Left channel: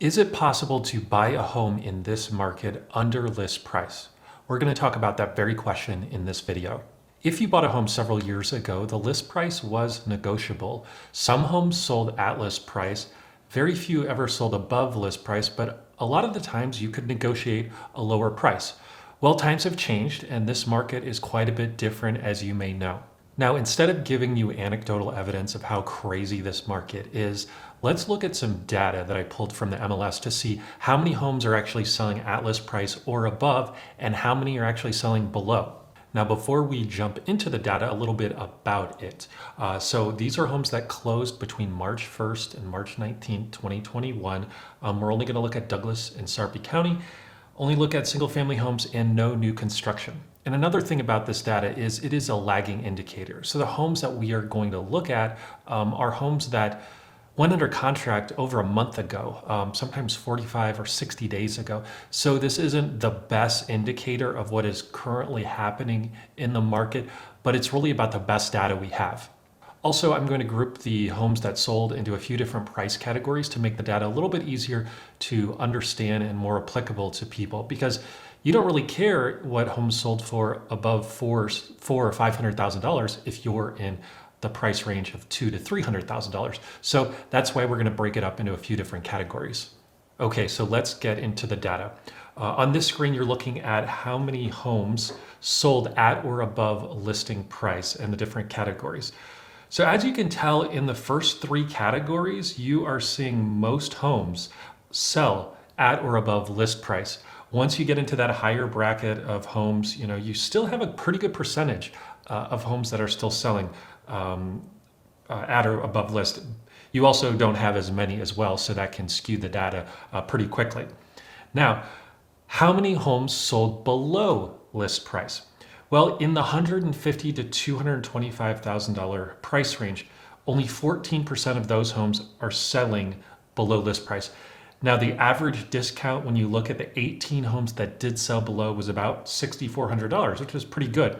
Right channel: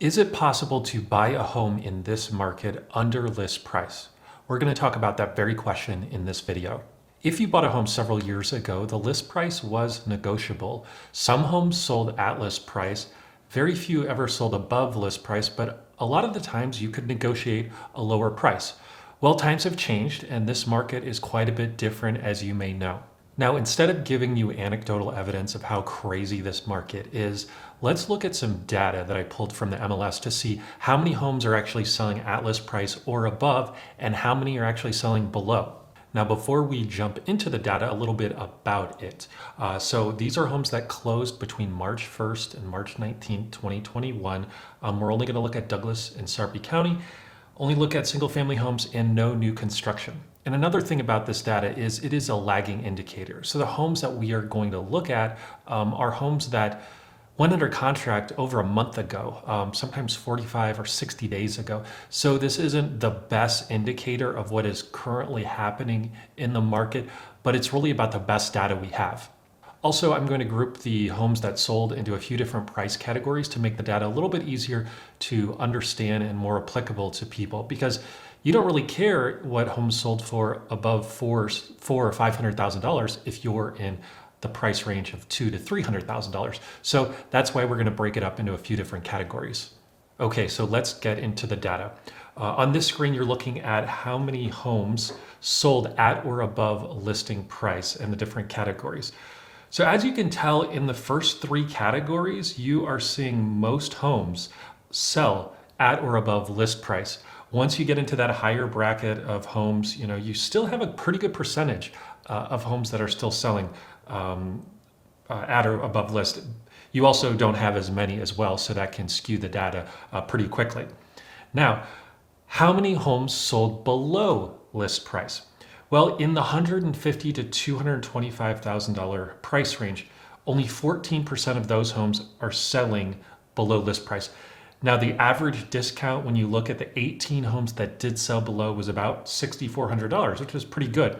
Is it possible to buy a home in this market under list price? We're going to talk about that very question in this video. If you bought a home several years ago, the list price was negotiable. Some homes sold at list price. Very few ever sold above list price, but a lot of the times you could negotiate a lower price. Well, times have changed, and this market is quite a bit different, as you may know. Now, instead of giving you anecdotal evidence of how crazy this market is, let's look at some data that I pulled from the MLS to see how many homes are actually selling at list price or above, and how many are actually selling below. Now, before we jump into the data, a little bit about it. So these are homes that closed between March 1st and March 19th, 2021. We're only going to look at Douglas and Sarpy County, only look at single family homes and no new construction. And another thing about this data is it is a lagging indicator. So the homes that we are going to look at are homes that went under contract over a month ago, sometimes 45 or 60 days ago. So this isn't the best indicator of what is currently happening in the market, but it's really about the best data we have. Also, I'm going to group the homes that sold into a few different price categories to make the data a little bit easier to understand and more applicable to people, because you don't really care what homes sold for above four or $500,000 if you're in the price range of $200,000 to $300,000. So that's why we're going to break it up into a few different categories. Okay, so let's get into the data. On this screen, you're looking at how many homes sold at or above listing price and the different categories. So as you can tell, in the first three categories, you are seeing most homes sell at or above list price. Once you get into that higher bracket of homes, you still have a pretty good percentage of homes that are still selling at or above list. You also don't have as many as well, so that can skew the data pretty quickly. Now, how many homes sold below list price? Well, in the $150,000 to $225,000 price range, only 14% of those homes are selling below list price. Now, the average discount when you look at the 18 homes that did sell below was about $6,400, which was pretty good.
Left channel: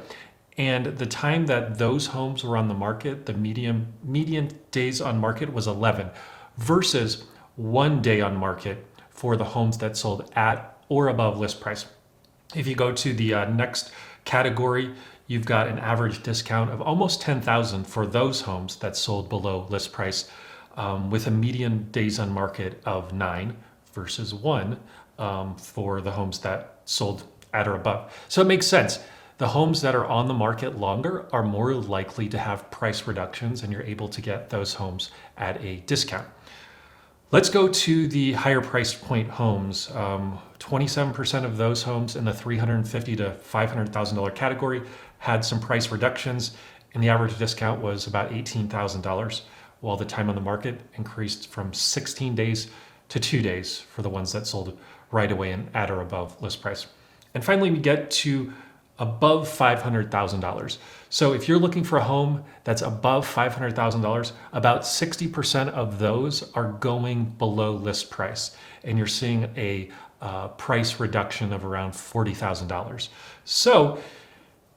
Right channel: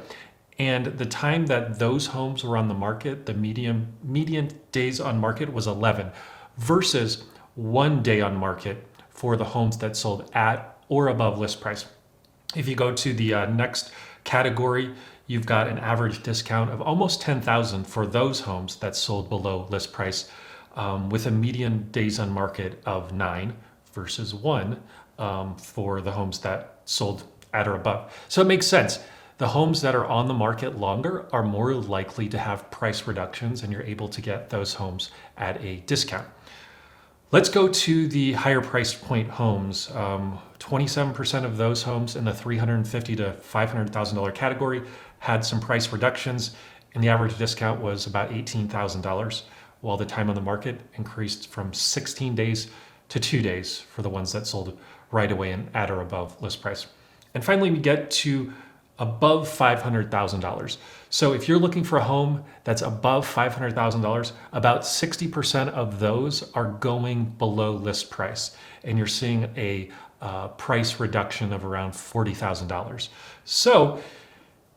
And the time that those homes were on the market, the median days on market was 11 versus 1 day on market for the homes that sold at or above list price. If you go to the next category, you've got an average discount of almost 10,000 for those homes that sold below list price, with a median days on market of 9 versus 1 for the homes that sold at or above. So it makes sense. The homes that are on the market longer are more likely to have price reductions, and you're able to get those homes at a discount. Let's go to the higher price point homes. 27% of those homes in the $350,000 to $500,000 category had some price reductions, and the average discount was about $18,000, while the time on the market increased from 16 days to 2 days for the ones that sold right away and at or above list price. And finally, we get to above $500,000. So if you're looking for a home that's above $500,000, about 60% of those are going below list price. And you're seeing a price reduction of around $40,000. So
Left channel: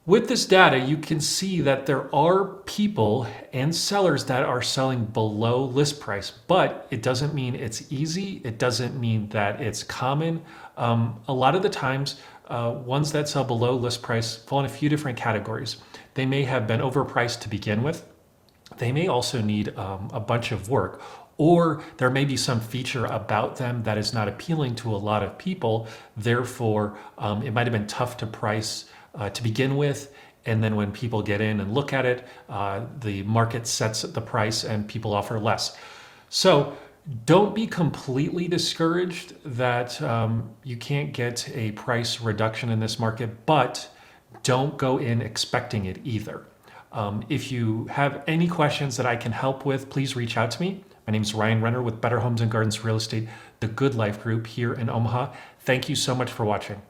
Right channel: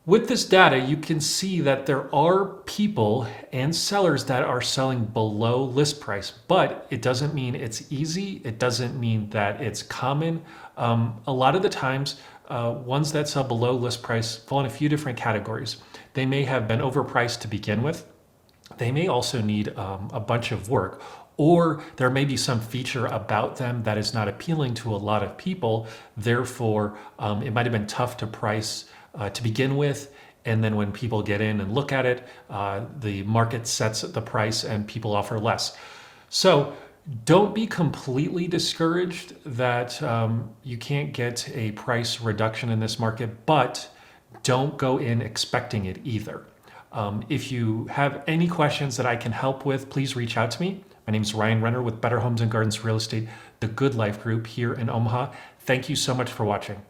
with this data, you can see that there are people and sellers that are selling below list price, but it doesn't mean it's easy. It doesn't mean that it's common. A lot of the times, ones that sell below list price fall in a few different categories. They may have been overpriced to begin with. They may also need a bunch of work, or there may be some feature about them that is not appealing to a lot of people. Therefore, it might have been tough to price to begin with. And then when people get in and look at it, the market sets the price and people offer less. So don't be completely discouraged that you can't get a price reduction in this market, but don't go in expecting it either. If you have any questions that I can help with, please reach out to me. My name is Ryan Renner with Better Homes and Gardens Real Estate, the Good Life Group here in Omaha. Thank you so much for watching.